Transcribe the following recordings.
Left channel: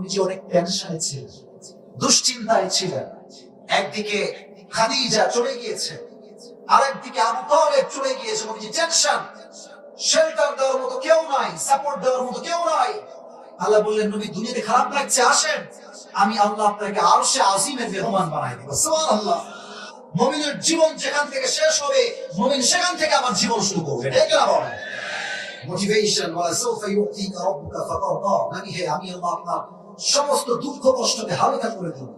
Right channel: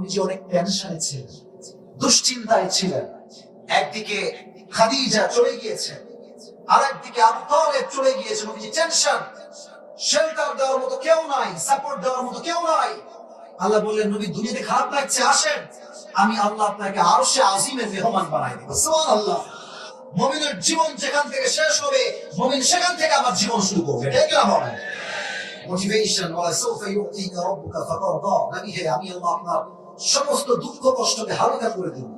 নবীজি অনেক টেনশনে ছিলেন, দুশ্চিন্তায় ছিলেন। একদিকে খাদিজা চলে গিয়েছে, আরেকদিকে আবু তালেব চলে গিয়েছে। নবীজি টেনশন, শেল্টার দেওয়ার মতো কেউ নাই, সাপোর্ট দেওয়ার মতো কেউ নাই। আল্লাহ বললেন, নবী দুনিয়াতে খারাপ লাগছে, আসেন আমি আল্লাহ আপনাকে আরশে আজিমের মেহমান বানাই দেব। সুবহানাল্লাহ। মুমিনের জীবন যেখান থেকে শেষ হবে, মুমিন সেখান থেকে আমার জীবন শুরু করবে। ঠিক না বলেন? মোটিভেশন ওয়ালা সাউফা ইউতিকা রাব্বুকা ফাতারদা। নবী হে, আমি আল্লাহ আপনার সমস্ত দুঃখ কষ্টকে হালকা করে দেব।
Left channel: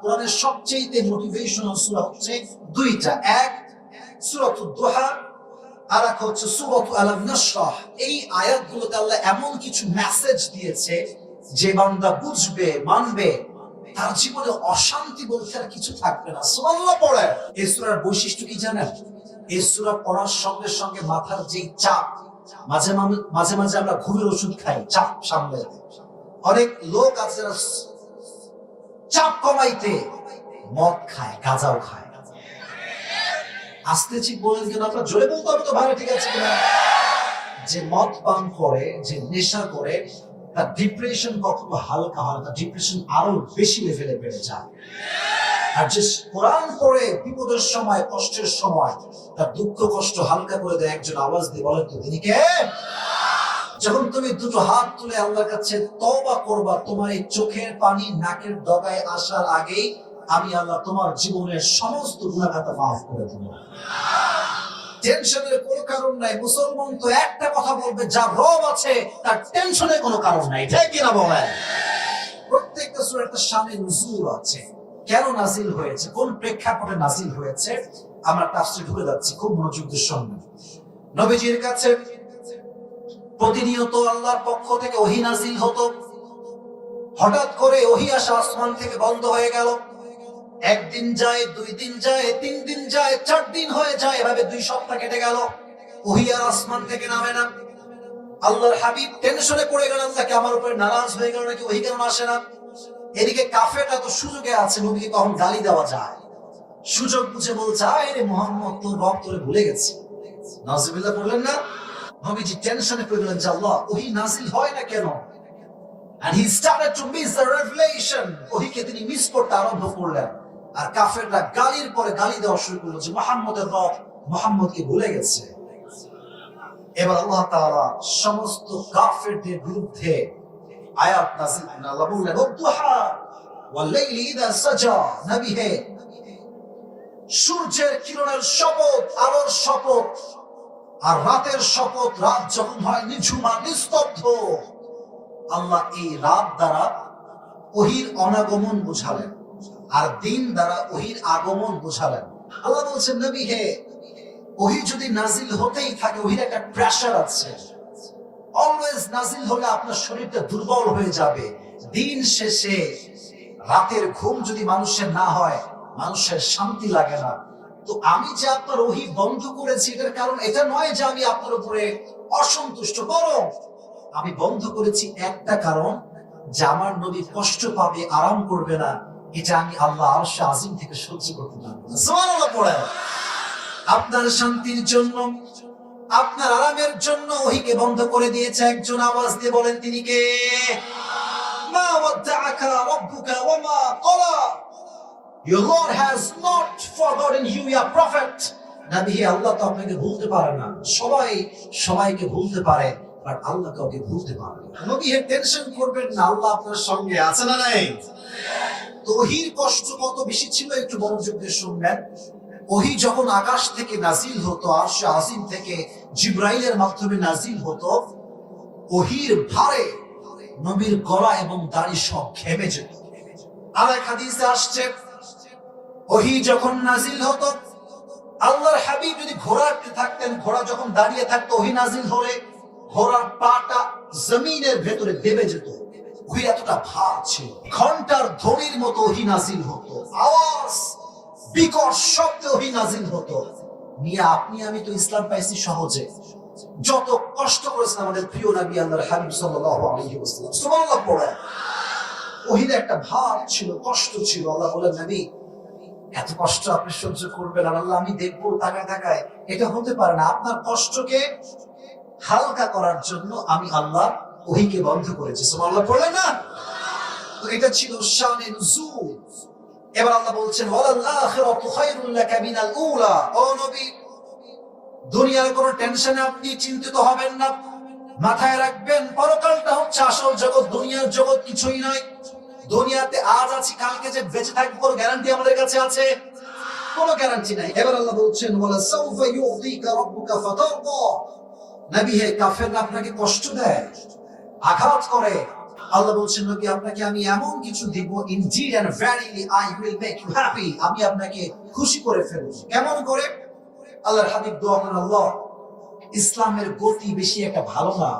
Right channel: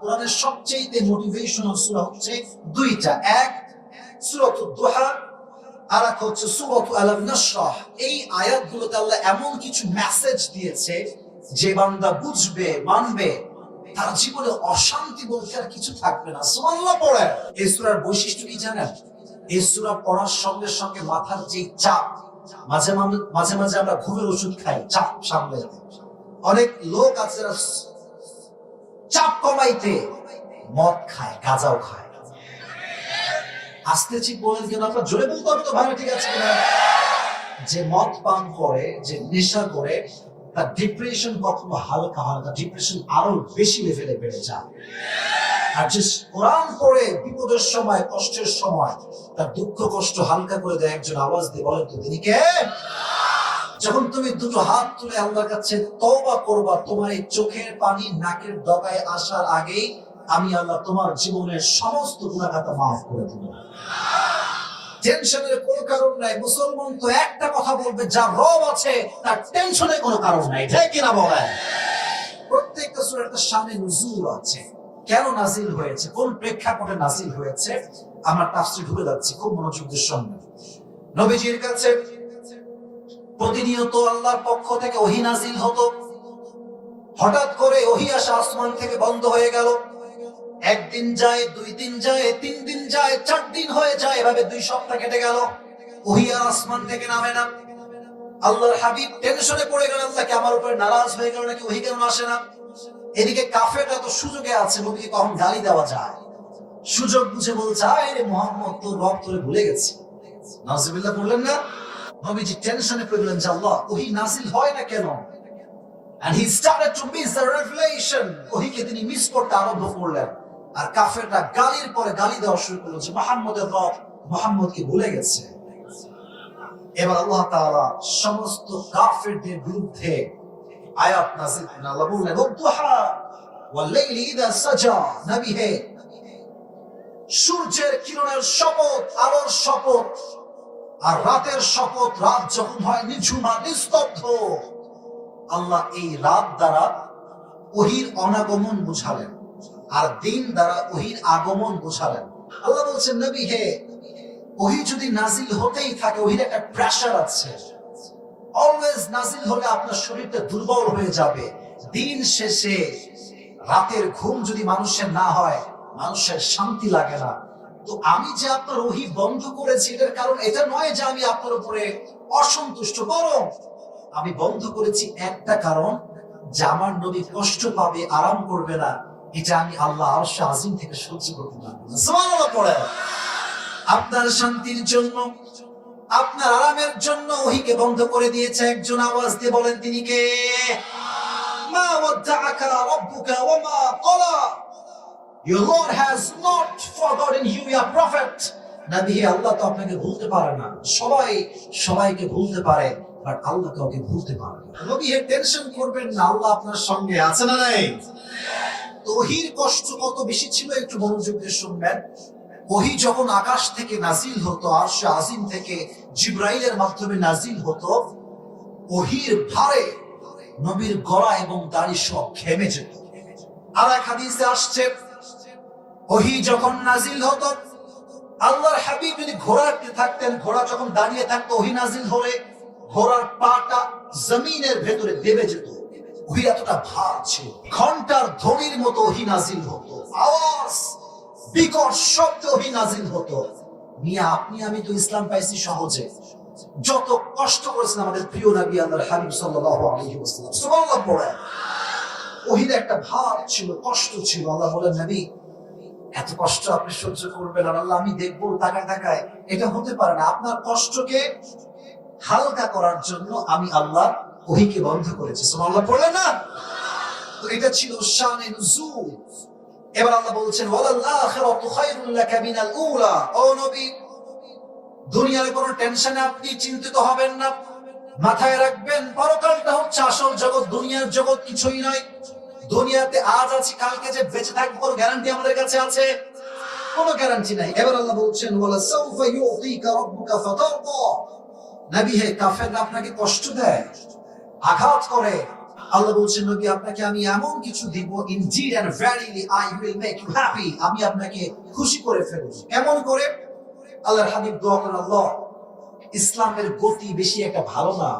কোরআনের সবচেয়ে মোটিভেশনাল সূরা হচ্ছে দুইটা, এক সূরাতুদ দুহা, আর এক হচ্ছে সূরাতু আলাম নাশরাহ। এই আয়াতগুলোতে আল্লাহ এমন কিছু মেসেজ দিয়েছে যে বান্দা বুঝবে, মানবে, তার জীবনে অশান্তি বলতে আর কিছু থাকবে না। সুবহানাল্লাহ পড়ে। এই সূরার বৈশিষ্ট্য কি জানেন? এই সূরা পড়ার সঙ্গে সঙ্গে মাথার যে চাপ, মাঝে মাঝে আমরা ঘুমের ওষুধ খাই চাপ সামলে। অনেক লোক আছে চাপ কমাইতে মদ খায়, গাঁজাও খায়। আস্তে ঠিক বলেন কেন? আপনার জোরে বলতে হবে তো ভাই, ঠিক আছে কিনা? যে মদ পান করে, যে নেশা করে, তার ডিপ্রেশন কখনো হালকা হয় না, ডিপ্রেশন আরো বেশি লেভেলে বেড়ে যায়। আর যে কোরআন পড়ে বিপদের সময়, কষ্টের সময় তার দুঃখ কষ্ট হালকা করে দেয়, একজন আওয়াজ দিয়ে বলেন তো তিনি কে? যখন তুমি দুটো হাত তুলে আল্লাহর কাছে তওবা করবা, তোমার এই চোখের পানি নাকের ডগায় আসার আগেই আমি আল্লাহ তোমার জীবনের সমস্ত গুনাহ খাতা মাফ করে দেব। টেনশনের কোনো কারণ নাই। মুসলমান তো একটা কথা বলবে, যার রব আছে তার টেনশনের কোনো কারণ নাই। ঠিক কিনা বলেন? প্রত্যেকটা সূরার একটা শানে নুজুল আছে, কেন নাজিল হয়েছে, কোন প্রেক্ষাপটে নাজিল হয়েছে। আমরা তাফসীরে ঢুকে যাচ্ছি, খুব মনোযোগ দিয়ে শুনবেন। নবীজির কাছে প্রতিনিয়ত আল্লাহর পক্ষ থেকে ওহী নাজিল হতো। হঠাৎ করে ওহী আসা আসমান থেকে বন্ধ হয়ে গেল। একদিন যায়, দুই দিন যায়, তিন দিন যায়, 4 দিন হয়ে যায়, এভাবে 2 সপ্তাহ কেটে গেল, ওহী আর আসমান থেকে নামে না। আল্লাহর হাবিব টেনশনে পড়ে গেলেন, আল্লাহ কি আমার উপরে নারাজ হয়ে গেল নাকি, ওহী কেন আসে না? এদিকে কাফেররা তো সুযোগে আছে, নবীকে কখন গালি দেওয়া যায়, সুযোগ বুঝে বলছে, আরে মুহাম্মদ তো রব তোরে ভুলে গেছে। নাউজুবিল্লাহ বললেন না? নবীজি টেনশনে পড়ে গেলেন যে আল্লাহ ওহী নাজিল হয় না কেন? And he started to miss the revelation. ওহীকে তিনি মিস করতে আরম্ভ করলেন। আর কাফেররা গালির পরে গালি দেওয়া শুরু করলো যে মুহাম্মদের রব মুহাম্মদকে ভুলে গেছে। এবার আল্লাহ তাআলা সমস্ত কাফেরদের বিরুদ্ধে আয়াত নাযিল করলেন। আল্লাহ বললেন, ওয়াদ-দুহা ওয়াল-লাইলি ইযা সাজা। নবী হে, সূর্যের কিরণের শপথ, আলোর শপথ, আর রাতের শপথ, রাত যখন হয় নিঝুম আর নিস্তব্ধ। আল্লাহ এই রাত দ্বারা ওহীর অনাগমন বোঝালেন, আর দিন দ্বারা ওহীর আগমন বোঝালেন। আল্লাহ বলছেন, নবী হে, ওহী যদি নাজিল হতেই থাকে, ওহীর একটা প্রেসার আছে। অলওয়েজ নাজিল হলে আপনার শরীরটা দুর্বল হয়ে যাবে। দিন শেষে রাতের ঘুম যদি মানুষের না হয়, মানুষের শান্তি লাগে না। তো আমি যে আপনার ওহী বন্ধ করেছি, এটার কারণ এটা নয় যে আমি আপনার উপরে অসন্তুষ্ট, বরং আমি বন্ধ করেছি একটা কারণ, যে আমার নবী কষ্ট পাবে, আরাম করবে না, এটা আমি আল্লাহ আরশে আজিম থেকে সহ্য করতে পারবো না। সুবহানাল্লাহ পড়েন। আপনার শান্তির জন্য, আপনার আরামের জন্য ওহীকে বন্ধ করে দিয়েছে। একজন আওয়াজ দিয়ে বলেন তিনি কে? মা ওয়াদ্দাআকা রাব্বুকা ওয়া মা ক্বালা। Your Lord has not forgotten you, your prophet. নবী, আল্লাহ তো আপনাকে ভুলতে পারে না। সবাই সবাইকে ভুলতে পারে, বাট আল্লাহ কাউকে ভুলতে পারে না। নবী টেনশন করবেন না, আল্লাহ আপনার সঙ্গে আছে না নাই? ওহীর কষ্ট কত বেশি ছিল একটু মনোযোগ দিয়ে শুনবেন। ওহী যখন আকাশ থেকে নাজিল হতো, আরশে আজিম থেকে জিবরাইলের মাধ্যমে নাজিল হতো, ওহীর ভারে নবীর গলা এবং দাড়ি সব ঘেমে যেত। আর এক হাদিসে আসছে, ওহী যখন নাজিল হতো, আল্লাহর হাবিব যদি ঘোড়াতে থাকতেন, ঘোড়া যখন দাঁড়িয়ে থাকতো, ওহী নাজিল হলে ঘোড়ার পাটা জমিনের ভেতরে দেবে যেত। ওহী এতটা ভার ছিল। ঘন্টার ধ্বনির মতো ওহী নাজিল হতো, আওয়াজ বিকট শব্দে ওহী নাজিল হতো। মিয়া, আপনি আমি তো ইসলাম পাইছি সহজে, যত কষ্ট করেছেন আমাদের প্রিয় নবী আল্লাহর হাবিব সাল্লাল্লাহু আলাইহি ওয়াসাল্লাম। সুবহানাল্লাহ পড়ে। ওহীর একটা ভার ছিল, কষ্ট ছিল। আল্লাহ বলেন, নবী এত কষ্ট আপনি সহ্য করবেন আর আল্লাহ আমি দেখবো তাকায় তাকায়, এটা হতে পারে না। আপনার কষ্টকে হালকা করার জন্য আমি আল্লাহ ওহীকে বন্ধ করেছি। সুবহানাল্লাহ পড়লেন না? এটা ছিল শানে নুজুল। এবার আল্লাহ বলছেন ওয়ালাল আখিরাতু খায়রুল লাকা মিনাল উলা। ও নবী, দুনিয়ার কোনো টেনশনে আপনি চিন্তিত হবেন না, মাথায় রাখবেন পরকালটা হচ্ছে আসল জগৎ, দুনিয়ার জগৎ কিছুই নয়। দুনিয়াতে আজ আছি, কালকে যে বেঁচে থাকবো কোনো গ্যারান্টি আমাদের কাছে আছে? কোনো গ্যারান্টি নাই। এবার আল্লাহ বলছেন ওয়ালা সাউফা ইউতিকা রাব্বুকা ফাতারদা। নবী হে, কাফেররা আপনাকে কষ্ট দেয়, আঘাত করে। আল্লাহ বলছেন নবী, আপনাকে আমি এমন কিছু দিব, indeed and verily I will make you happy, আমি আপনাকে খুশি করে ফেলব। কেমন করে? আল্লাহর হাবিব দোয়া করেন, আল্লাহ ইসলামের গতি বেশি একটা ভালো না,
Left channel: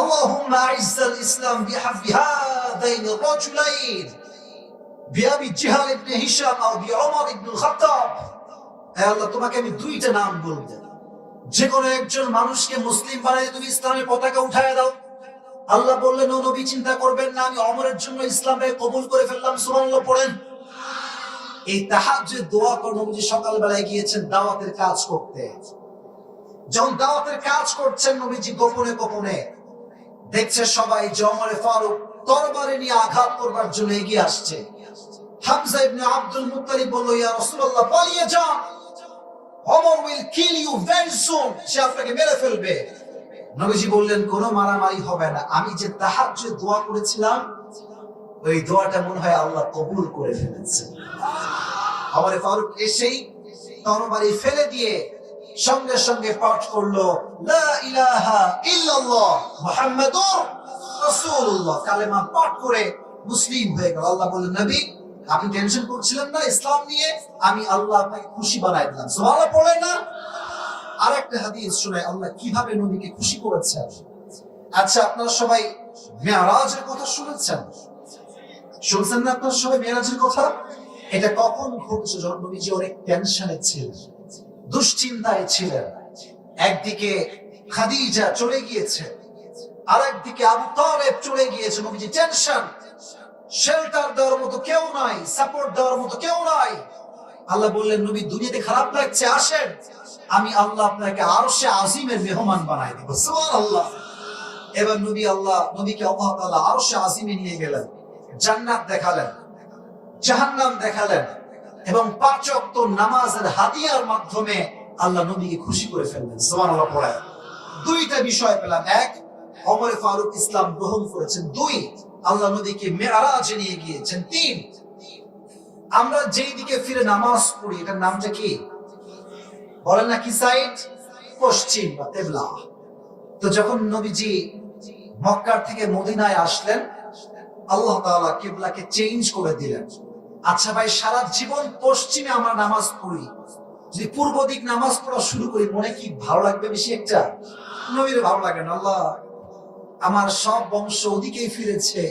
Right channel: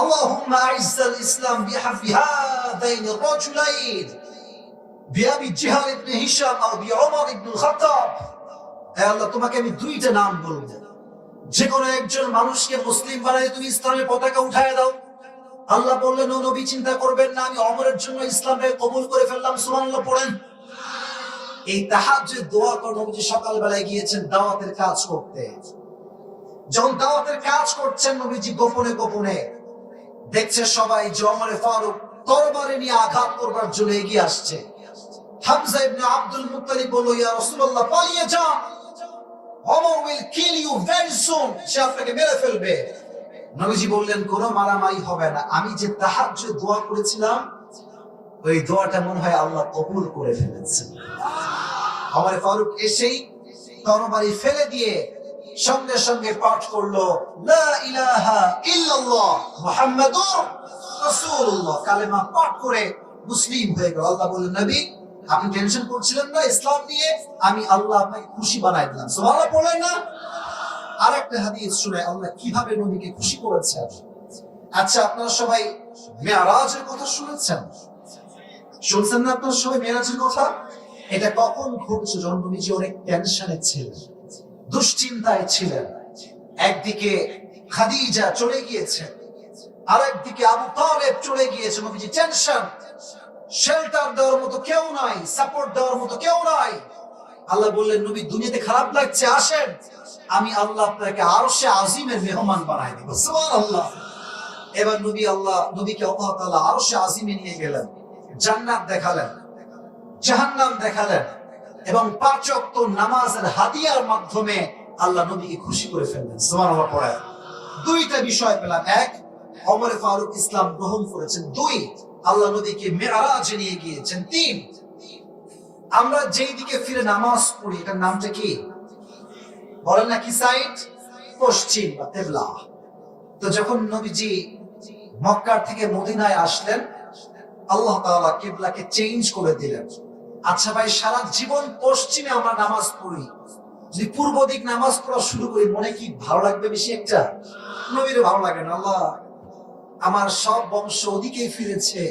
আল্লাহুম্মা আইজ্জাল ইসলাম বিহাব্বি হাযাইনি রাজুলাইন বিআবি জাহল ইবনে হিশাম আও বিউমর ইবনুল খাত্তাব। হে আল্লাহ, তোমাকে আমি দুইটা নাম বলবো, যে কোনো একজন মানুষকে মুসলিম বানায় তুমি ইসলামের পতাকা উঠায় দাও। আল্লাহ বললেন ও নবী, চিন্তা করবেন না, আমি ওমরের জন্য ইসলামকে কবুল করে ফেললাম। সুবহানাল্লাহ পড়েন। এই তাহাজ্জুদ দোয়া করে নবীজি সকালবেলায় গিয়েছেন দাওয়াতের কাজ করতে। যখন দাওয়াতের কাজ করছেন, নবীজি গোপনে গোপনে দেখছে সবাই যে ওমর ফারুক তরবারি নিয়ে আঘাত করবার জন্য এগিয়ে আসছে। হামজা ইবনে আব্দুল মুত্তালিব বলল, ইয়া রাসূলুল্লাহ, পালিয়ে যান, Omar will kill you very soon, সে আপনাকে মেরে ফেলবে। নবীজি বললেন, কোনো মারামারি হবে না, আমি যে তাহাজ্জুদ দোয়া করেছিলাম ওই দোয়াটা মনে হয় আল্লাহ কবুল করে ফেলেছেন। ওমর ফারুক এসেই তরবারি ফেলে দিয়ে সঙ্গে সঙ্গে পাঠ করলো লা ইলাহা ইল্লাল্লাহ মুহাম্মাদুর রাসূলুল্লাহ, কালেমা পাঠ করে মুসলিম হয়ে গেল। আল্লাহ বললেন, নবী আপনি টেনশন করছিলেন না ইসলাম নিয়ে, আমি আল্লাহ আপনাকে খুশি বানাই দিলাম। সুবহানাল্লাহ বলেন না? আরেকটা হাদিস শুনে আল্লাহ কিভাবে নবীকে খুশি করেছেন। আচ্ছা, আপনারা সবাই মেরাজের কথা শুনেছেন? শুনছেন না আপনারা সবাই মেরাজের কথা? এটা কখন ঘটছে? যখন নবীজি অনেক টেনশনে ছিলেন, দুশ্চিন্তায় ছিলেন। একদিকে খাদিজা চলে গিয়েছে, আরেকদিকে আবু তালেব চলে গিয়েছে। নবীজি টেনশন, শেল্টার দেওয়ার মতো কেউ নাই, সাপোর্ট দেওয়ার মতো কেউ নাই। আল্লাহ বললেন, নবী দুনিয়াতে খারাপ লাগছে, আসেন, আমি আল্লাহ আপনাকে আরশে আজিমের মেহমান বানাই দিব। সুবহানাল্লাহ। এবার নবীকে আল্লাহ তাআলা আরশে আজিমে নিয়ে গেলেন, জান্নাত দেখালেন, জাহান্নাম দেখালেন, এবং 5 ওয়াক্ত নামাজের হাদিয়ার মাধ্যমে আল্লাহ নবীকে খুশি করে ফেললেন। সুবহানাল্লাহ পড়ে দুইটা বিষয় পেলাম, এক, ওমর ফারুক ইসলাম গ্রহণ করেছেন, 2, আল্লাহ নবীকে মেরাজে নিয়ে গিয়েছেন, 3, আমরা যেই দিকে ফিরে নামাজ পড়ি এটার নামটা কি বলেন না? কি সাইড? পশ্চিম বা কিবলা। তো যখন নবীজি মক্কা থেকে মদিনায় আসলেন, আল্লাহ তাআলা কিবলাকে চেঞ্জ করে দিলেন। আচ্ছা ভাই, সারা জীবন পশ্চিমে আমরা নামাজ পড়ি, যদি পূর্ব দিক নামাজ পড়া শুরু করি, মনে কি ভালো লাগবে বেশি? একটা নবীর ভালো লাগে না। আল্লাহ, আমার সব বংশ ওদিকেই ফিরেছে,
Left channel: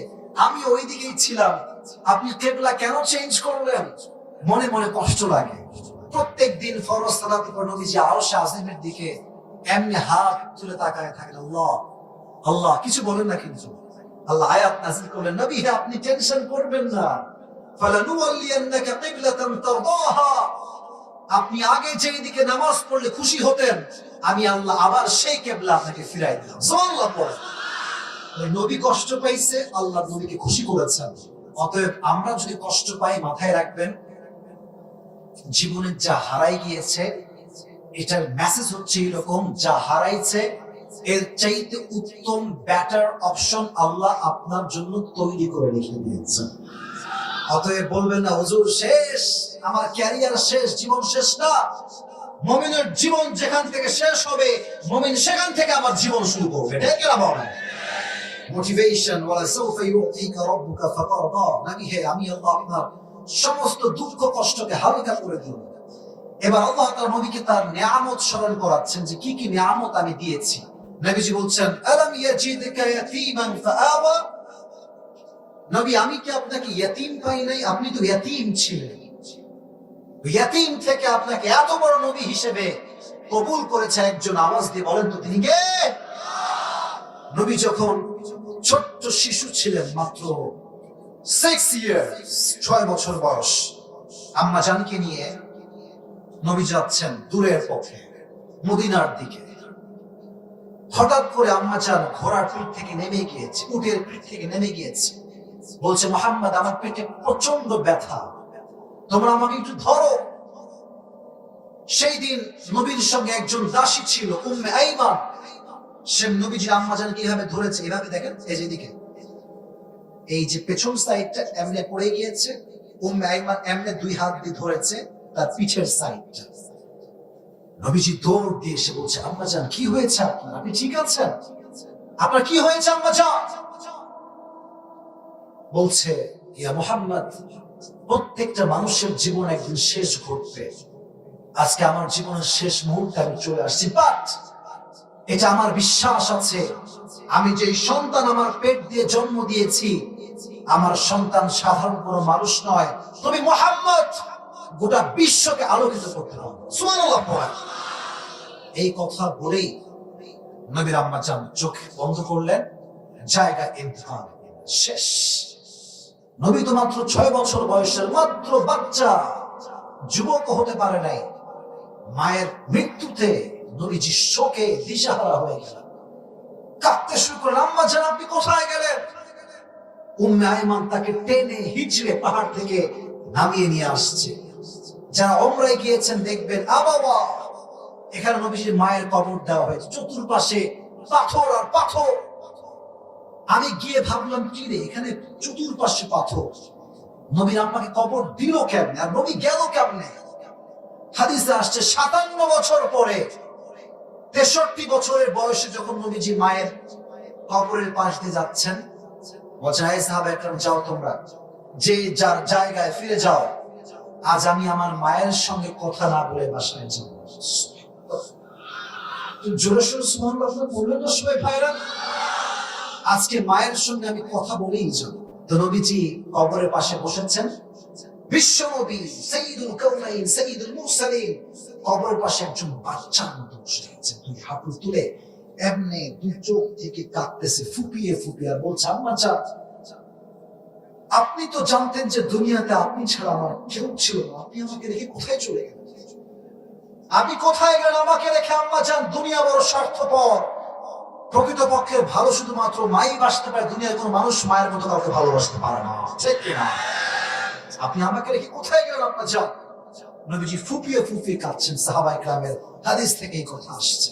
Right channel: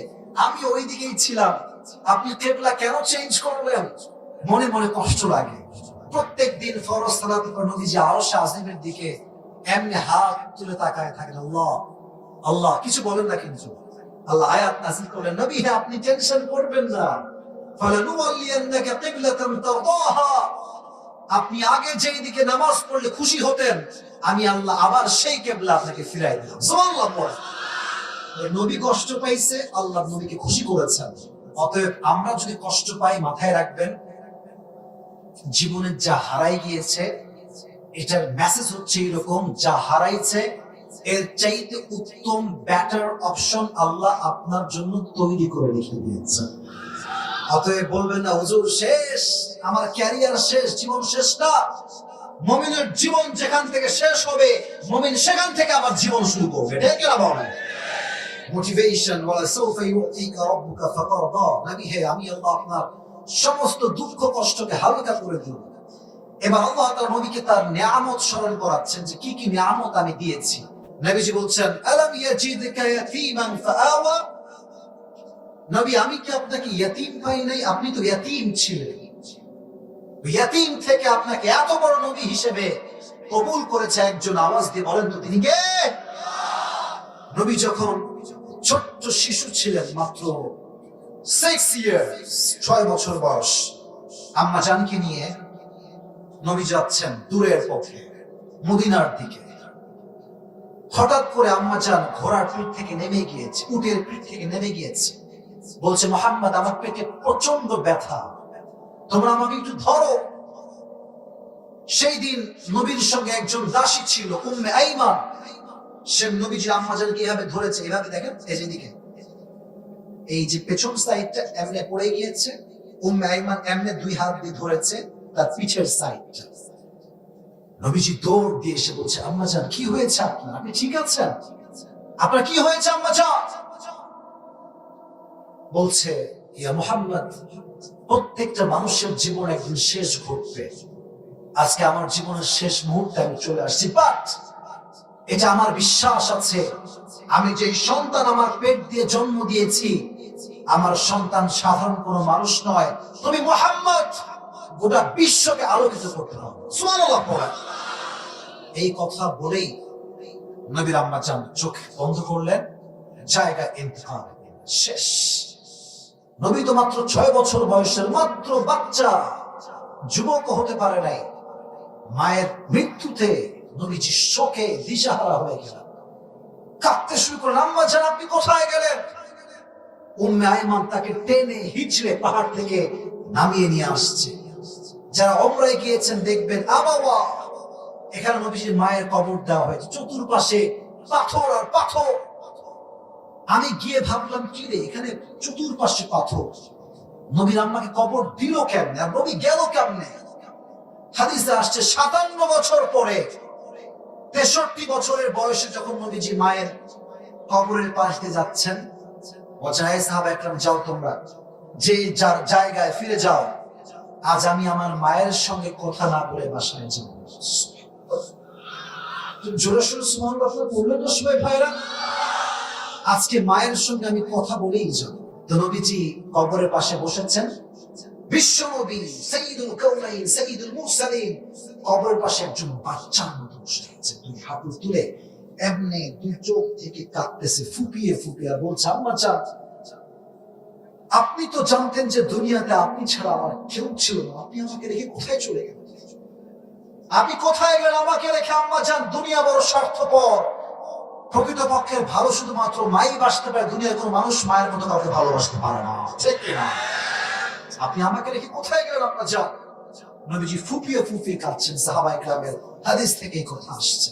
আমি ওই দিকেই ছিলাম, আপনি কিবলা কেন চেঞ্জ করলেন? মনে মনে কষ্ট লাগে। প্রত্যেক দিন ফরজ সালাতের পর নবীজি আরশে আজিমের দিকে এমনি হাত তুলে তাকায় থাকেন। আল্লাহ আল্লাহ কিছু বলেন না, কিন্তু আল্লাহ আয়াত নাযিল করলেন, নবী আপনি টেনশন করবেন না, ফালানুওয়াল্লিয়ান্নাকা কিবলাতান তারদাহা, আপনি আগে যেই দিকে নামাজ পড়লে খুশি হতেন, আমি আল্লাহ আবার সেই কিবলা আপনাকে ফিরাই দিলাম। সুবহানাল্লাহ পড়ে। নবী কষ্ট পাইছে, আল্লাহ নবীকে খুশি করেছেন। অতএব আমরা যদি কষ্ট পাই, মাথায় রাখবেন জীবনে যা হারাই গিয়েছে এটার মেসেজ হচ্ছে এরকম, যা হারাইছে এর চাইতে উত্তম বেটার অপশন আল্লাহ আপনার জন্য তৈরি করে রেখে দিয়েছেন। অতএব বলবেন না হুজুর শেষ, আমার ক্যারিয়ার শেষ, জীবন শেষ না। মুমিনের জীবন যেখান থেকে শেষ হবে, মুমিন সেখান থেকে আবার জীবন শুরু করবে। এটা কেন বলেন? মোটিভেশন, ওয়ালা সাউফা ইউতিকা রাব্বুকা ফাতারদা, নবী হে আমি আল্লাহ আপনার সমস্ত দুঃখ কষ্টকে হালকা করে দেব। এবার আল্লাহ তাআলা নবীকে তার নিয়ামত স্মরণ করাচ্ছেন যে কি কি নিয়ামত আমি দিয়েছি। নবীজি বলছেন, আলাম ইয়াজিদকা ইয়াতীমান ফাআওয়া, নবী আমি কি আপনাকে ইয়াতীম পাই নাই? আপনি তো ইয়াতীম ছিলেন, ইয়াতীম থেকে আপনাকে এত বড় নবী হিসেবে কবুল করেছে একজন। আওয়াজ দিয়ে বলেন তো তিনি কে? নবী যখন ছোট্ট শিশু ছিলেন, মাত্র 6 ইয়ার্স, 6 বছর বয়স, আম্মা জানকে নিয়ে নবী যাচ্ছেন দূরের পথে মদিনার দিকে। হঠাৎ করে আম্মা জান ঘোড়ার পিঠ থেকে নেমে গিয়েছে, উটের পিঠ থেকে নেমে গিয়েছে। বলছে মুহাম্মদ আমার পেটে প্রচন্ড ব্যথা, তোমরা আমাকে একটু ধরো। সেই দিন নবীর সঙ্গে একজন দাসী ছিল উম্মে আইমান, সে নবীজির আম্মাজানকে এইভাবে ধরেছে, এইভাবে দেখেন এই যেদিকে, এই যে পেছন সাইডটা এমনে পড়ে গিয়েছে, উম্মে আইমান এমনে দুই হাত দিয়ে ধরেছে তার পিছের সাইডটা। নবীজি দৌড় দিয়ে এসে বলছে আম্মাজান কি হয়েছে আপনার, আপনি ঠিক আছেন, আপনার কি হয়েছে আম্মাজান? বলছে ইয়া মুহাম্মদ, প্রত্যেকটা মানুষের জীবনে একদিন শেষ ঘটবে, আজকে আমার জীবনের শেষ মুহূর্তে আমি চলে আসছি, বাট এটা আমার বিশ্বাস আছে আমি যে সন্তান আমার পেট দিয়ে জন্ম দিয়েছি, আমার সন্তান সাধারণ কোনো মানুষ নয়, তুমি মুহাম্মদ গোটা বিশ্বকে আলোকিত করতে হবে। সুবহানাল্লাহ পড়া। এই কথা বলেই নবীর আম্মাজান চোখ বন্ধ করলেন, জায়গা ইন্তেকাল শেষ। নবী তো মাত্র 6 বছর বয়সের মাত্র বাচ্চা, যুবক হতে পারে নাই। মায়ের মৃত্যুতে নবীজি শোকে দিশাহারা হয়ে গেলেন, কাঁদতে শুরু করলেন, আম্মাজান আপনি কোথায় গেলেন? উম্মে আইমান তাকে টেনে হিচড়ে পাহাড় থেকে নামিয়ে নিয়ে আসছে। যারা ওমরায় গিয়েছেন দেখবেন আবাওয়া, এখানে নবীজির মায়ের কবর দেওয়া হয়েছে, চতুর্পাশে পাথর আর পাথর। আমি গিয়ে ভাবলাম কি রে, এখানে চতুর্পাশে পাথর, নবীর আম্মাকে কবর দিল কেমনে আর নবী গেল কেমনে? হাদিসে আসছে 57 বছর পরে 63 বছরের বয়সে যখন নবীজি মায়ের কবরের পাশ দিয়ে যাচ্ছেন, অজায় সাহাবা একরাম যাও তোমরা, যে যার জায়গায় ফিরে যাও, আজ আমি আমার মায়ের সঙ্গে কথা না বলে বাসায় যাব। জোরে সোরে সুবহানাল্লাহ বললেন না সবাই ভাইরা? আজকে মায়ের সঙ্গে আমি কথা বলেই যাব। তো নবীজি কবরের পাশে বসেছেন, বিশ্ব নবী সাইয়্যিদুল কাউনাইন সাইয়্যিদুল মুরসালিন কবরের পাশে একজন বাচ্চার মতো বসে আছে, দুই হাত তুলে এমনি দুই চোখ থেকে কাঁদতেছে ফুপিয়ে ফুপিয়ে, আর বলছে আম্মাজান আপনি তো জানতেন যে দুনিয়াতে আপনি ছাড়া আমার কেউ ছিল না, আপনি আমাকে রেখে কোথায় চলে গেলেন? আপনি কোথায় গেলেন আমাকে রেখে? আম্মাজান দুনিয়া বড় স্বার্থপর, প্রকৃতপক্ষে ভালো শুধুমাত্র মাই বাসতে পারে, দুনিয়ার কোনো মানুষ মায়ের মতো কাউকে ভালোবাসতে পারে না, ঠিক কিনা? আপনি আমাকে রেখে কোথায় গেলেন আম্মাজান? নবীজি ফুপিয়ে ফুপিয়ে কাঁদছেন। সাহাবায়ে কেরামের হাদিস থেকে এই কথা আসছে।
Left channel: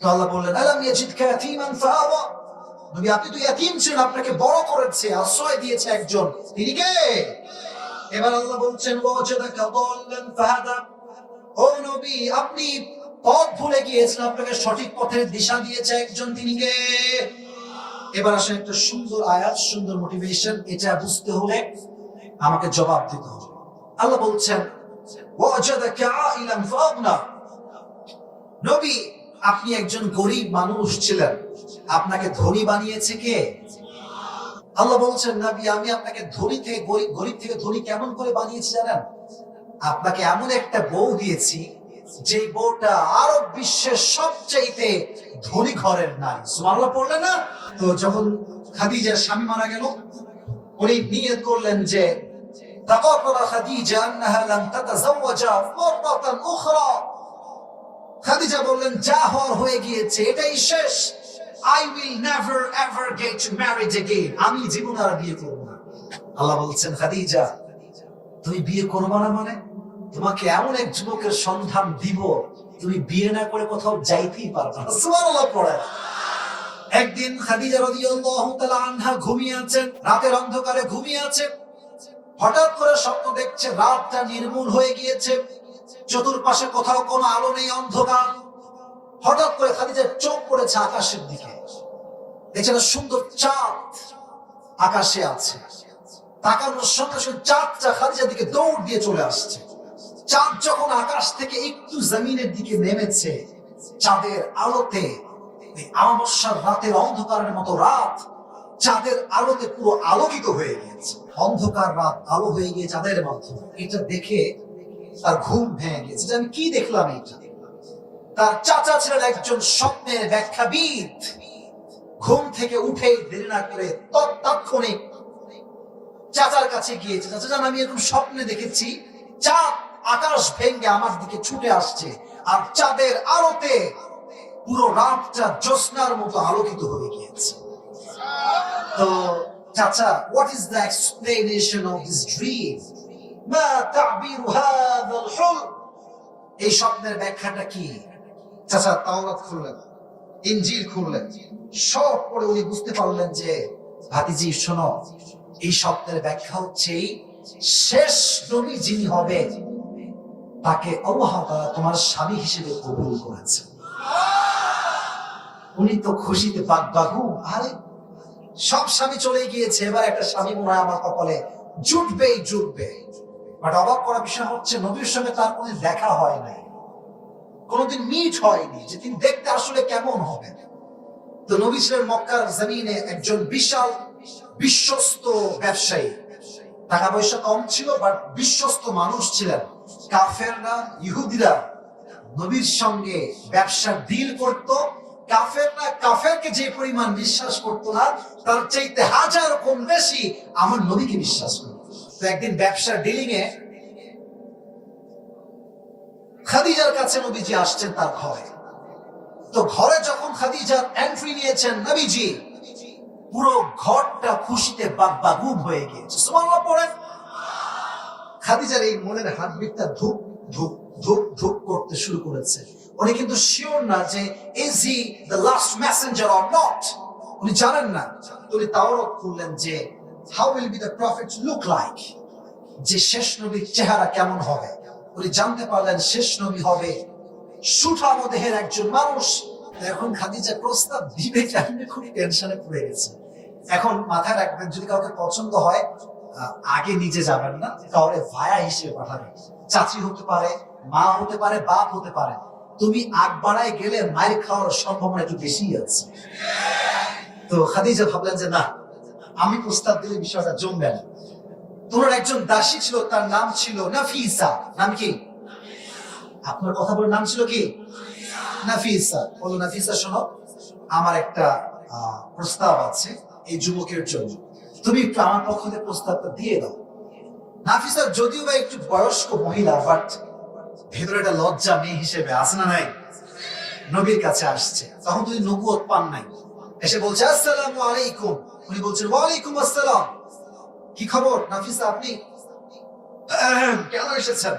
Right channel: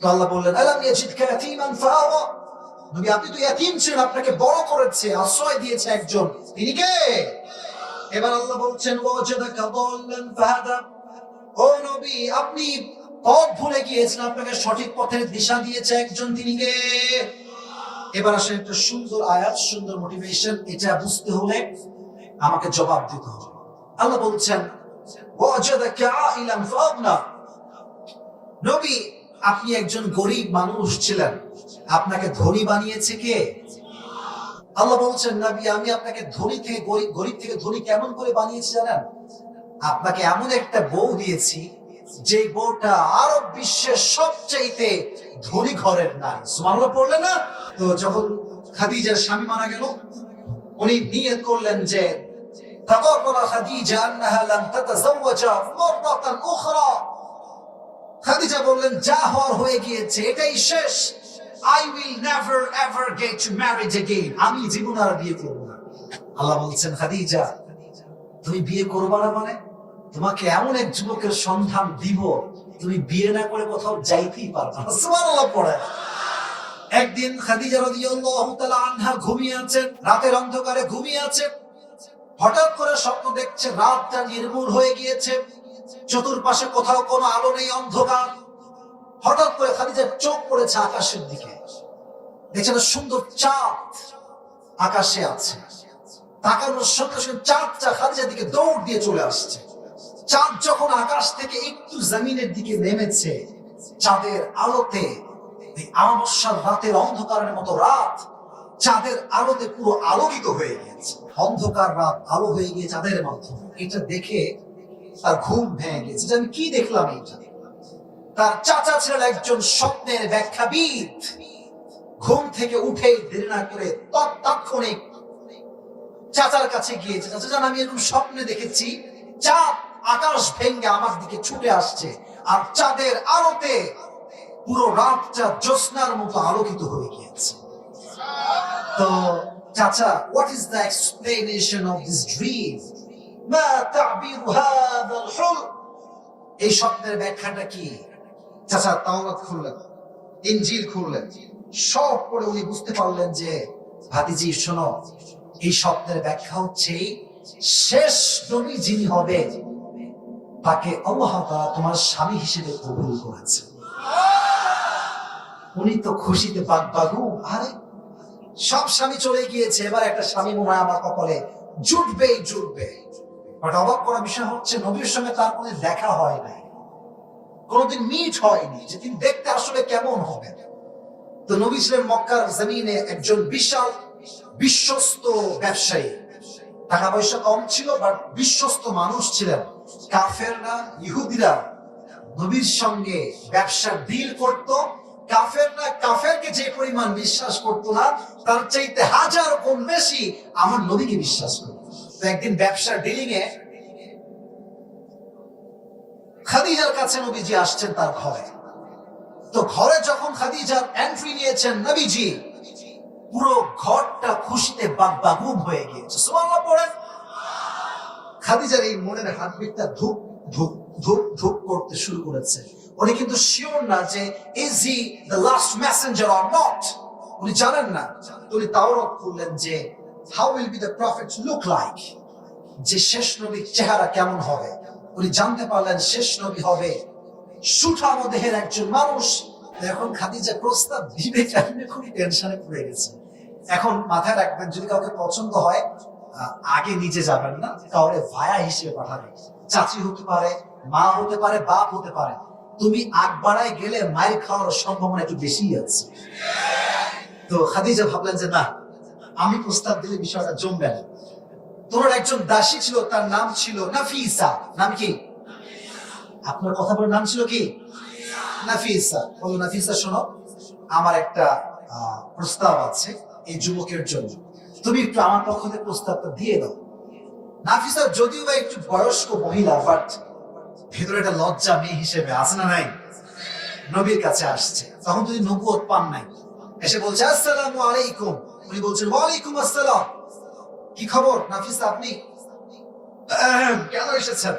তো আল্লাহ বললেন আলাম ইয়াজিদকা ইয়াতীমান ফাআওয়া, নবী আপনি তো ইয়াতীম ছিলেন, আপনাকে বড় করেছে, আশ্রয় দিয়েছে একজন, তিনি কে? এবার আল্লাহ বলছেন ওয়াজাদাকা দাল্লান ফাহাদা, ও নবী আপনি পথ ভুলে গিয়েছেন, আপনাকে সঠিক পথের দিশা দিয়েছে একজন, তিনি কে? এবার আসলে একটা সুন্দর আয়াত, সুন্দর মোটিভেশন, এটা বুঝতে হলে আমাকে জবাব দিতে হবে। আল্লাহ বলছেন ওয়াজাদাকা আইলান ফাআগনা, নবী আপনি একজন গরিব মানুষ ছিলেন, আপনাকে ধনী বানিয়েছে কে? আল্লাহ বলছেন নবী আমি আপনাকে ধনী থেকে গরিব থেকে ধনী কেমন করে বানিয়েছি জানেন? আপনাকে এমন একটা বউ দিয়েছি যে বউটা আরব বিশ্বের সবচাইতে ধনী ঘরের নারী। সুবহানাল্লাহ পড়লেন না? তো যখন খাদিজার স্বামী মারা গেল, উনি নিয়ত করলেন যে তাকাররা খাদিজা আন্নাহা লান তাতাযাওয়াজা মাররাতান উখরা, খাদিজা বললেন যা হওয়ার হয়ে গিয়েছে, এটাই শেষ, I will never ever get married again, আমি জীবন আর বিয়ে করব না। আল্লাহ বলছেন খাদিজা তুমি বিয়ে করবে না মানে? তোমাকে এমন এক যুবকের সন্ধান দিব তুমি বিয়ে না করে কোথাও যাইতেই পারবে না। সুবহানাল্লাহ পড়ে। একদিন খাদিজা রাদিয়াল্লাহু তাআলা আনহা ঘুমিয়ে আছেন, রাতের অন্ধকারে ঘুমিয়ে আছেন, হঠাৎ করে স্বপ্ন দেখছে রাতটা নির্মূল হয়ে গিয়েছে, চতুর্পাশে কোথাও কোনো আলো নেই, অন্ধকার। হঠাৎ করে খাদিজার চোখ পড়েছে আকাশের দিকে, দেখছেন সুন্দর চাঁদ আকাশে আছে, তাকানোর সঙ্গে সঙ্গে চাঁদটা খাদিজার দিকে দৌড় দিয়ে চলে আসছে। চাঁদ যখন আকাশ থেকে একটু জমিনের দিকে নেমেছে, চাঁদের আলোতে অমাবস্যার রাতের অন্ধকারের মতো রাত চাঁদের আলোতে পুরো আলোকিত হয়ে গিয়েছে, অন্ধকার রাত আলো হয়ে গিয়ে চাঁদের মাধ্যমে। এটা দেখে তার ঘুম ভেঙে গেছে যে আমি কি দেখলাম এটা। তার চাচা ছিলেন একজন স্বপ্নের ব্যাখ্যাবিদ, ঘুম থেকে উঠে দেরি না করে তৎক্ষণিক চাচার কাছে গিয়েছে, চাচা জান আমি এরকম স্বপ্নে দেখেছি চাঁদ আকাশ ভেঙে আমার দিকে ছুটে আসছে, আর চাঁদের আলোতে পুরো রাতটা জ্যোৎস্নার মতো আলোকিত হয়ে গিয়েছে। তো চাচা, what is the explanation of this dream? মা তা'বিরু হাযাল হুলম? এই স্বপ্নের ব্যাখ্যাটা কি? চাচা তাওরাত খুললেন, ইনজিল খুললেন, সব পড়ে উনি বুঝতে পারলেন যে ভাতিজি শোনো, এই স্বপ্নের ব্যাখ্যা হচ্ছে শেষ নবী যিনি হবে তাকে আল্লাহ তাআলা তোমার স্বামী হিসেবে কবুল করেছে। উনি তো খুশিতে বাগবাগু, আরে সব স্বামী চলে গিয়েছে, এবার একটা স্বামী মনে হয় আমার কপালে জুটবেই জুটবে। বাট অবাক করা বিষয় হচ্ছে নবীর সঙ্গে তার কোনো দেখা হয় নাই, কোনোদিন মিট হয়নি যে তিনি দেখতে আসলে কেমন হবে। তো নবী ছিলেন মক্কার জমিনে একজন বিশাল বিশ্বস্ত ব্যবসায়ী, টাকা পয়সা কম ছিল বাট বিশ্বস্ত মানুষ ছিলেন। কাফেররা, ইহুদিরা নবীর সঙ্গে ব্যবসা ডিল করত। কাফেররা কাফেরকে যে পরিমাণ বিশ্বাস করতো না, তার চাইতে হাজার গুণ বেশি আমার নবীকে বিশ্বাস করত। তো একদিন ব্যবসা ডিলিং এ খাদিজার কাছে নবীজি আসছেন তার ঘরে। তো ঘরে যখন খাদিজার এন্ট্রি নিয়েছেন নবীজি, পুরো ঘরটা খুশিতে বাগবাগুম হয়ে গিয়েছে। সুবহানাল্লাহ পড়েন। খাদিজার এই মনের হার্টবিটটা ধুপ ধুপ ধুপ ধুপ করতে শুরু করেছে। উনি কিন্তু শিওর না যে is he the last Messenger or not, উনি জানেন না। উনি তাওরাত খুললেন যে how will be the prophet look like, যে শেষ নবীর চেহারা কেমন হবে। উনি জানতে পারলেন শেষ নবী হবে সুঠাম দেহের একজন মানুষ। এখন খাদিজা প্রস্তাব দিবে কেমনে, খুবই টেনশনে পড়ে গেছে। এখন মাথায় রাখবেন, যদি কাউকে পছন্দ হয় আগে নিজে যাবেন না, কাউরে ভায়া হিসেবে পাঠাবেন। চাচি হতে পারে, মা হতে পারে, বাপ হতে পারে। তুমি আগ বাড়ায় গেলে মায়ের খাওয়ার সম্ভাবনা একটু বেশি আছে। তো খাদিজা ভাবলেন যে না, আমি প্রস্তাব দিলে বিষয়টা জমবে না। তোর একজন দাসী ছিল, তার নাম ছিল নাফিসা। নাম কি? আপনার কথা বলে নাম ছিল কি? নাফিসা। বলো নাফিসা শোনো, আমার একটা প্রস্তাব আছে এই যুবকের জন্য, তুমি একটু আমার পক্ষ থেকে প্রস্তাবটা দিয়ে দাও। নাফিসা যদিও বা একটু বয়স্ক মহিলা, বাট ভেতরে একটা লজ্জা মেয়ে হিসেবে আছে না নাই? নবীর কাছে আসছে, তখন যদি নবুয়ত পান নাই, এসে বলছে আসসালামু আলাইকুম। উনি বলছেন ওয়ালাইকুম আসসালাম। কি খবর নাফিসা, আপনি কেন এসেছেন?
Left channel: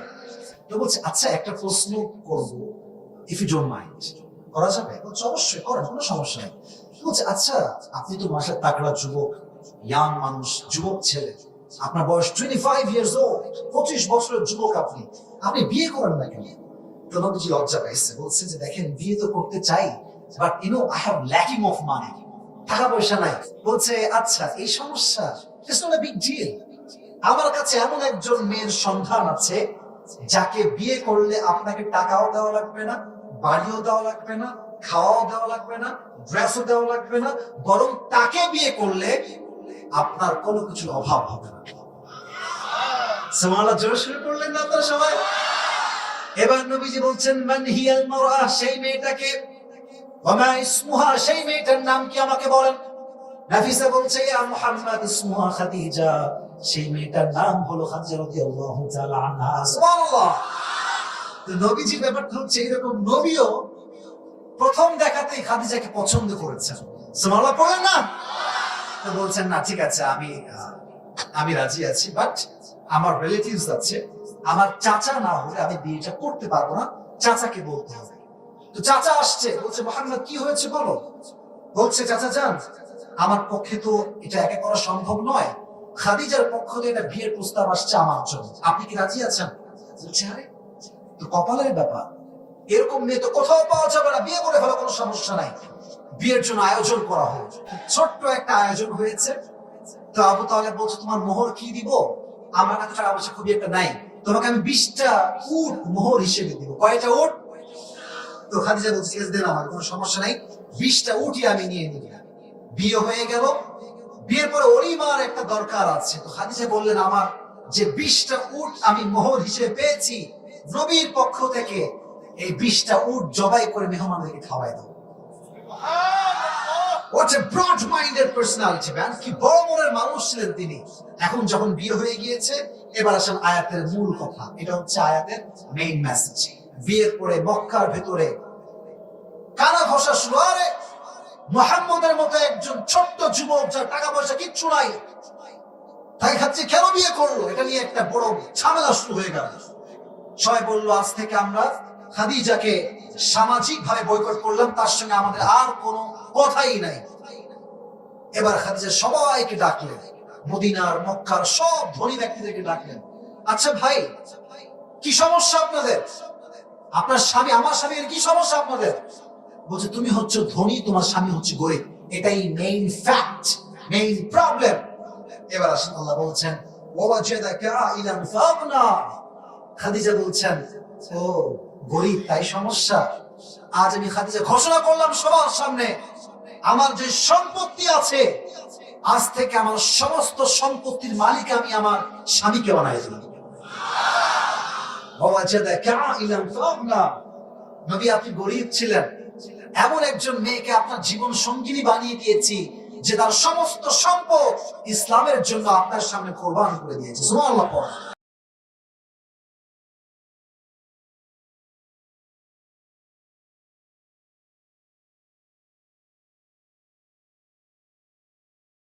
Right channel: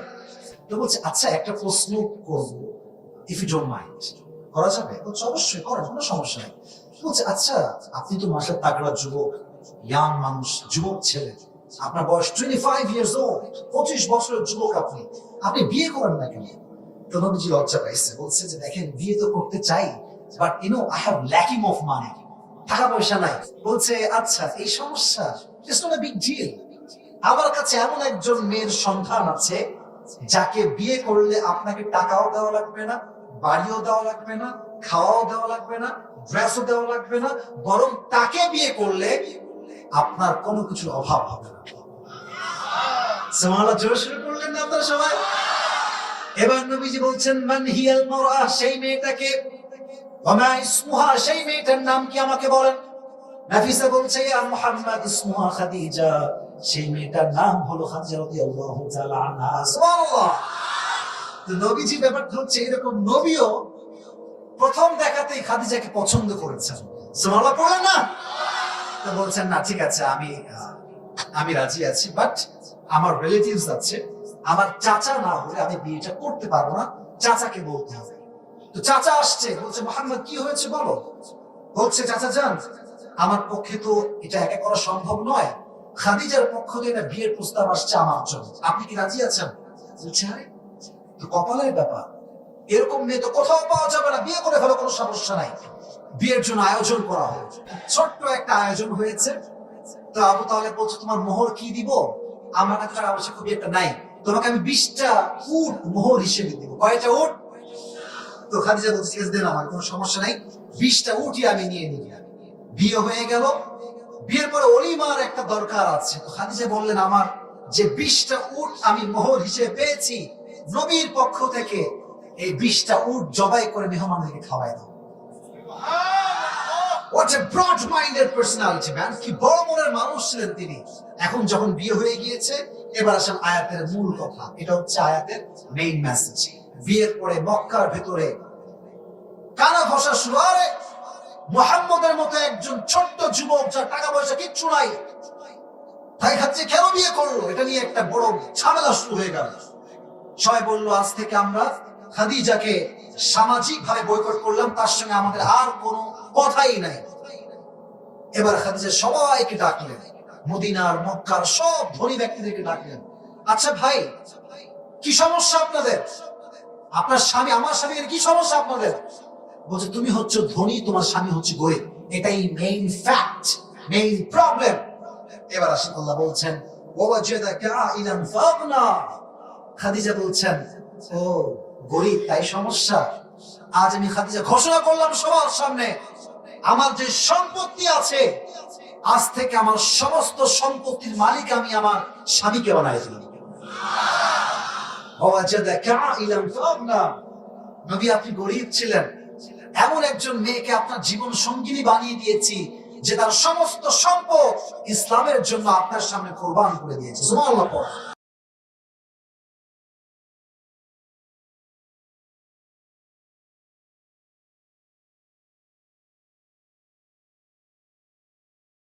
তো বলছে আচ্ছা একটা প্রশ্ন করবো, ইফ ইউ ডোন্ট মাইন্ড। করা যাবে? বলছে অবশ্যই করেন, কোনো সমস্যা নেই। বলছে আচ্ছা আপনি তো মাসার তাগড়া যুবক, ইয়াং মানুষ, যুবক ছেলে, আপনার বয়স 25 ইয়ার্স ওল্ড, 25 বছরের যুবক, আপনি আপনি বিয়ে করেন না কেন? তো নবীজি লজ্জা পাইছে, বলছে যে দেখেন বিয়ে তো করতে চাই, but you know I have lacking of money, টাকা পয়সা নাই। বলছে আচ্ছা এই সমস্যা, it's not a big deal. আমার কাছে এমন একজন মেয়ের সন্ধান আছে যাকে বিয়ে করলে আপনাকে টাকাও দেওয়া লাগবে না, বাড়িও দেওয়া লাগবে না, খাওয়াও দেওয়া লাগবে না, ড্রেসও দেওয়া লাগবে না, বরং তাকে বিয়ে করলে আপনার কোনো কিছুর অভাব হবে না। সুবহানাল্লাহ, জোরে শুরু করলেন না আপনারা সবাই? এবার নবীজি বলছেন মান হিয়াল মারআ, সেই মেয়েটাকে, ওয়া মা ইসমুহা, সেই মেয়েটার নাম কি আমাকে বলেন। নাফিসা বলছে ইয়া মুহাম্মদ ইসমুহা খাদিজা, সেই মেয়েটার নাম হলো খাদিজা রাদিয়াল্লাহু তাআলা আনহা। সুবহানাল্লাহ। তো নবীজি ব্যাপারটা হচ্ছে এরকম, নবীও প্রথম দেখাতেই খাদিজাকে পছন্দ করেছেন। সুবহানাল্লাহ পড়েন না? তো বলছেন না ঠিক আছে, আমি রাজি আছি, বাট আমার রিলেটিভস আছে, আমার চাচা না হলে আমি বিয়েটা করতে পারবো না, চাচাকে বলতে হবে। তো চাচা আসছে, বলছে মুহাম্মদ কি হয়েছে বলো। বলছে চাচা যান, আমার পক্ষে তো এটা একা করা সম্ভব নয়, খাদিজার পক্ষ থেকে একটা বিয়ের প্রস্তাব আসছে আমার জন্য, আপনি কি রাজি আছেন? বলছে আরে তো কপালের ব্যাপার, এরকম মেয়ে তো কোথাও পাওয়া যাবে না, বিয়ে করে ফেলো, কোনো সমস্যা নাই। বিয়ের জন্য আয়োজন করা হয়েছে, ছোট্ট একটা আয়োজন হয়েছে। তো আবু তালেব বলছে তোমার মোহর কি দিব? আমার কাছে টাকা পয়সা খুবই একটা নাই, তোমাকে আমি 20টা উট মোহর হিসেবে দিব। কয়টা উট? তো খাদিজা বলছে ঠিক আছে দিলাম, আমার কোনো সমস্যা নাই, 20টা উটই আমি নিয়ে নিব। বিয়ে হয়ে গেল। বিয়ের পরে অলিমার একটা দরকার আছে। তো খাদিজা বললেন আমার যে 20টা উট আমি মোহর হিসেবে পেয়েছি নবীর পক্ষ থেকে, এই 20টা উট জবাই করে মেহমানদেরকে খাওয়াই দাও। What a broad-minded personality, man! কি বড় মনের মানুষ ছিলেন তিনি। এখন যখন বিয়ে হয়ে গিয়েছে, এবার আসেন আয়াতের মূল কথা। এটা হচ্ছে আয়াতের মেইন মেসেজ। বিয়ের পরে মক্কার ভেতরে কানা ঘষা শুরু, আরে মুহাম্মদের মতো একজন ছোট্ট যুবক, যার টাকা পয়সা কিচ্ছু নাই, তাই খাচ্ছে কেন বিয়ে করলো, এটা নিয়ে একটা বড় ঝামেলা শুরু হয়ে গেল। সবাই বললো আজ থেকে আমরা খাদিজাকে সামাজিক ভাবে বয়কট করলাম, তার সঙ্গে আমাদের আর কোনো কথাই নাই। এবার খাদিজা সবাইকে ডাকলেন, মদিনার মক্কার সব ধনী ব্যক্তিদেরকে ডাকলেন। আচ্ছা ভাই, কি সমস্যা আপনাদের? আপনার স্বামী, আমার স্বামীর কি সমস্যা আপনাদের? বলছে তুমি হচ্ছে ধনী, তোমার স্বামী হচ্ছে গরিব, এটাই মেইন ফ্যাক্ট, মেইন প্রবলেম। এবার আসেন আল্লাহ বলছেন ওয়াজাদাকা আইলান ফাগনা। খাদিজা বলছেন ও গরিব তাই সমস্যা? আজ আমি খাদিজা ঘোষণা করলাম সবার সামনে, আমার যে সম্পত্তি আছে আজ থেকে আমার সমস্ত সম্পত্তির মালিক আমি আমার স্বামীকে বানাই দিলাম। ওয়াজাদাকা আইলান ফাগনা। নবী আপনি গরিব ছিলেন, এমন একজন মেয়েকে আপনার জীবন সঙ্গিনী বানিয়ে দিয়েছি যে তার সমস্ত সম্পদ ইসলামের জন্য আপনার সামনে কোরবান করে দিয়েছে। সুবহানাল্লাহ।